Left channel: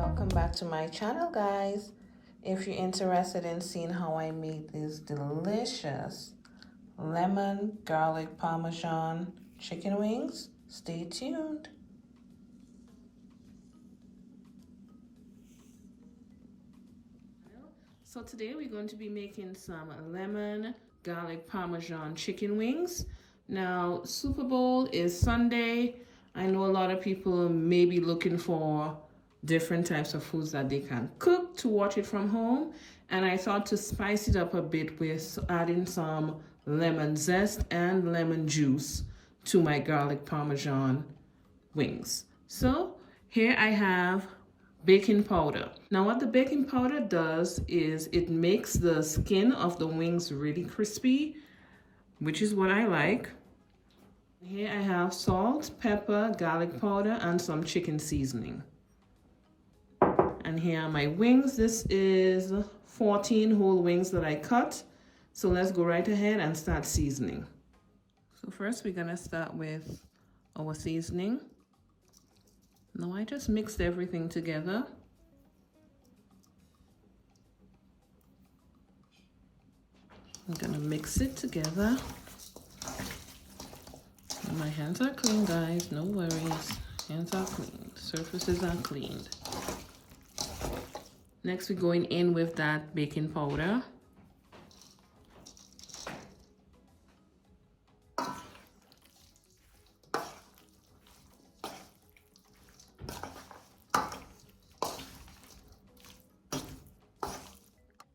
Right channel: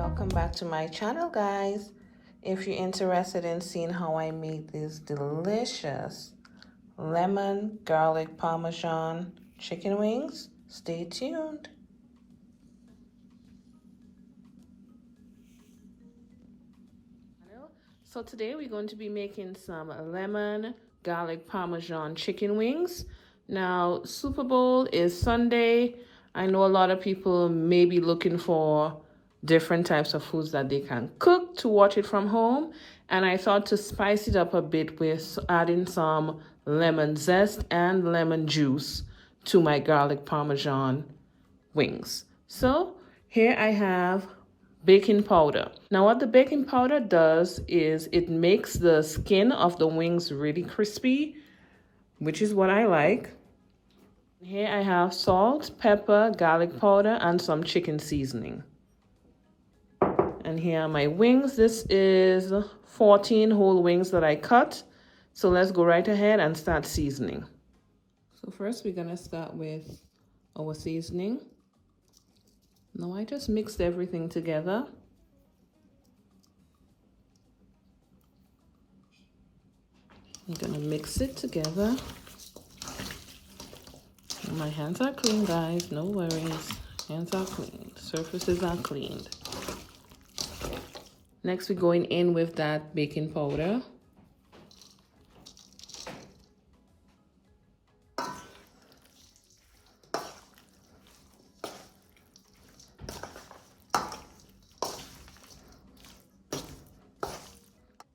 Welcome back to my channel, guys. If you're interested in seeing how I made these delicious lemon garlic parmesan chicken wings, stay tuned. So today we're going to be making some lemon garlic parmesan chicken wings. Now, Super Bowl is Sunday. I know a lot of people may be looking for different types of foods that they can cook to watch it from home. And I thought to spice it up a bit with adding some lemon zest and lemon juice to my garlic parmesan wings. So here I have baking powder. Now what the baking powder does is it makes the skin of the wings really crispy, which is what I like. Here I have salt, pepper, garlic powder, and some chicken seasoning. And here are my wings. This is 14 whole wings that I cut. So let's go right ahead and start seasoning. So first we're gonna start with our seasoning. Now I just mixed everything together. I'm gonna mix it together. My hands are clean, guys, no worries. Hands are clean, surfaces are cleaned. Next, we're going in with that baking powder.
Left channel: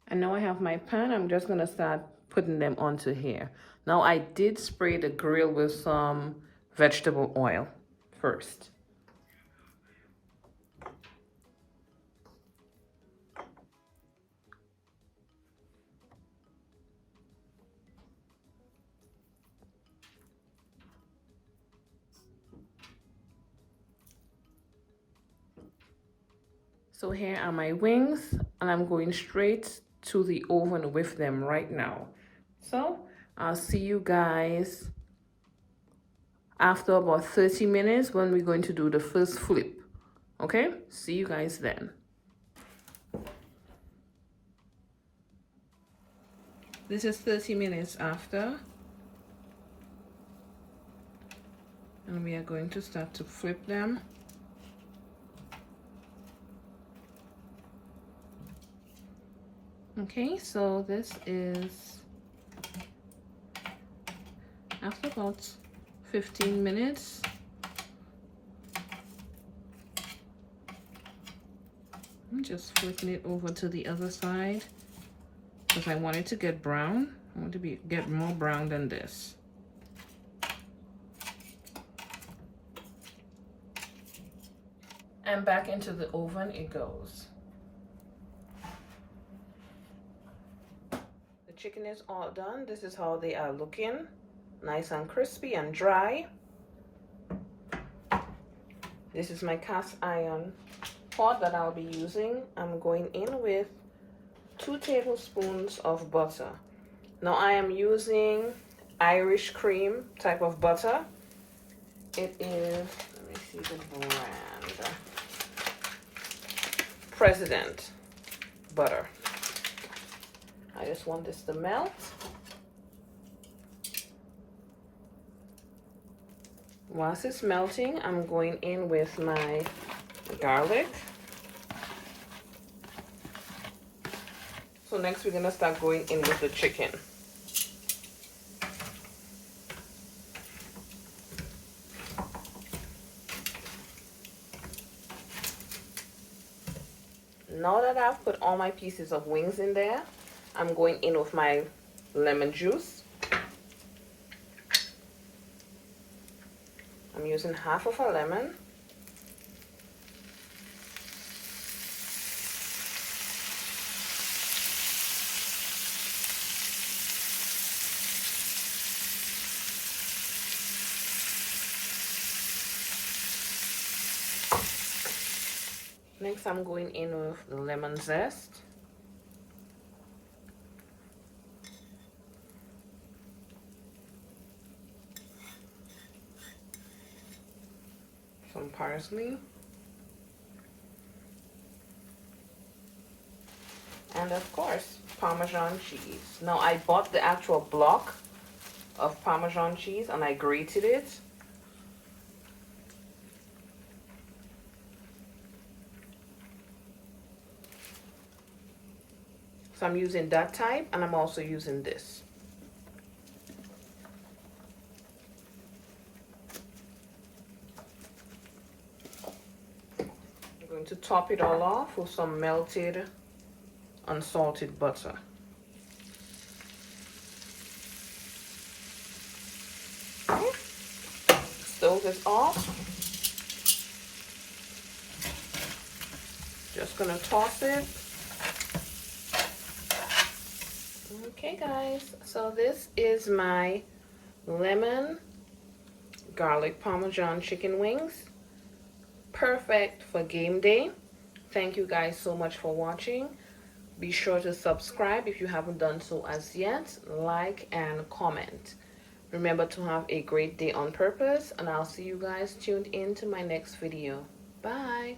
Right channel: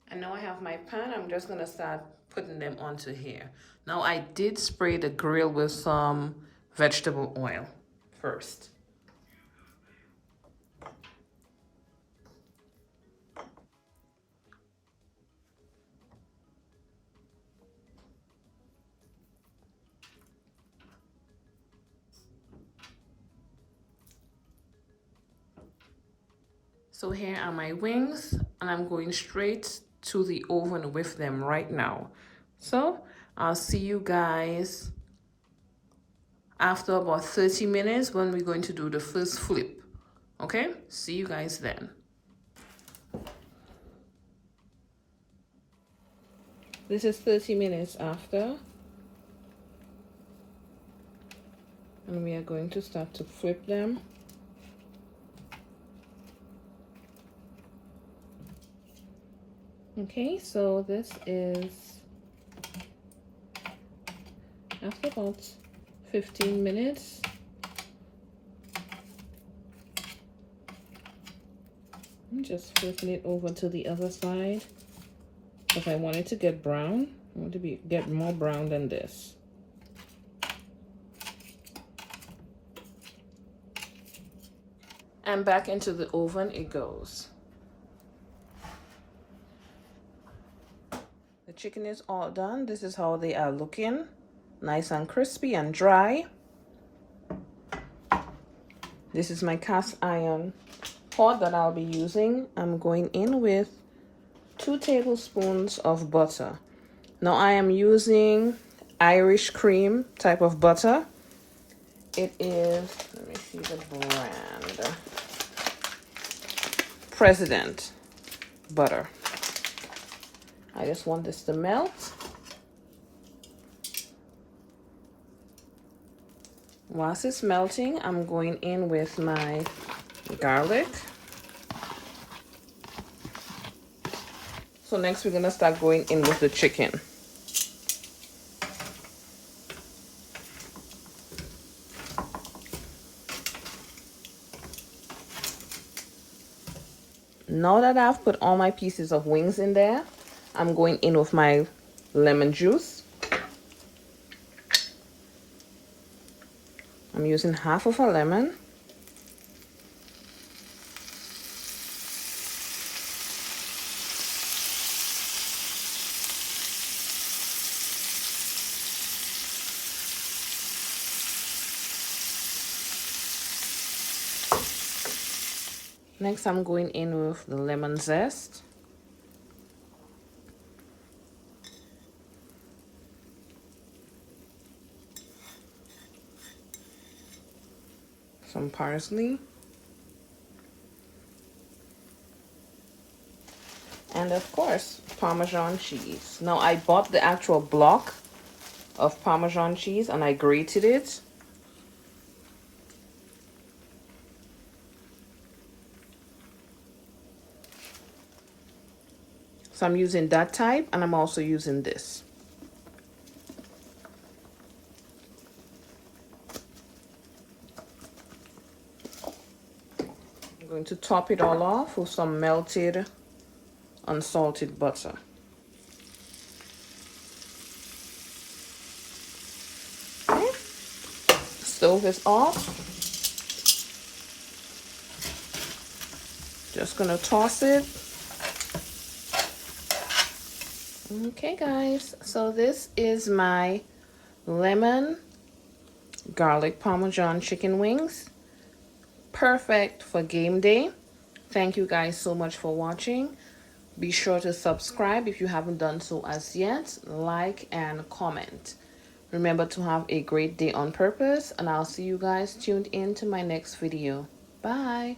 And now I have my pan. I'm just gonna start putting them onto here. Now I did spray the grill with some vegetable oil first. So here are my wings, and I'm going straight to the oven with them right now. So I'll see you guys after about 30 minutes when we're going to do the first flip. Okay, see you guys then. This is 30 minutes after, and we are going to start to flip them. Okay, so this is after about 15 minutes. I'm just flipping it over to the other side because I want it to get brown. I want to get more brown than this. And back into the oven it goes. The chicken is all done. This is how they are looking. Nice and crispy and dry. This is my cast iron pot that I'll be using. I'm going in with 2 tablespoons of butter. Now I am using Irish cream type of butter. It is, let me see the brand, President butter. I just want this to melt. Whilst it's melting, I'm going in with my garlic. So next we're gonna start going in with the chicken. Now that I've put all my pieces of wings in there, I'm going in with my lemon juice. I'm using half of a lemon. Next, I'm going in with the lemon zest. Some parsley. And of course, Parmesan cheese. Now I bought the actual block of Parmesan cheese and I grated it. So I'm using that type, and I'm also using this. I'm going to top it all off with some melted unsalted butter. Okay. Stove is off. Just gonna toss it. Okay guys, so this is my lemon garlic Parmesan chicken wings. Perfect for game day. Thank you guys so much for watching. Be sure to subscribe if you haven't done so as yet. Like and comment. Remember to have a great day on purpose, and I'll see you guys tuned in to my next video. Bye.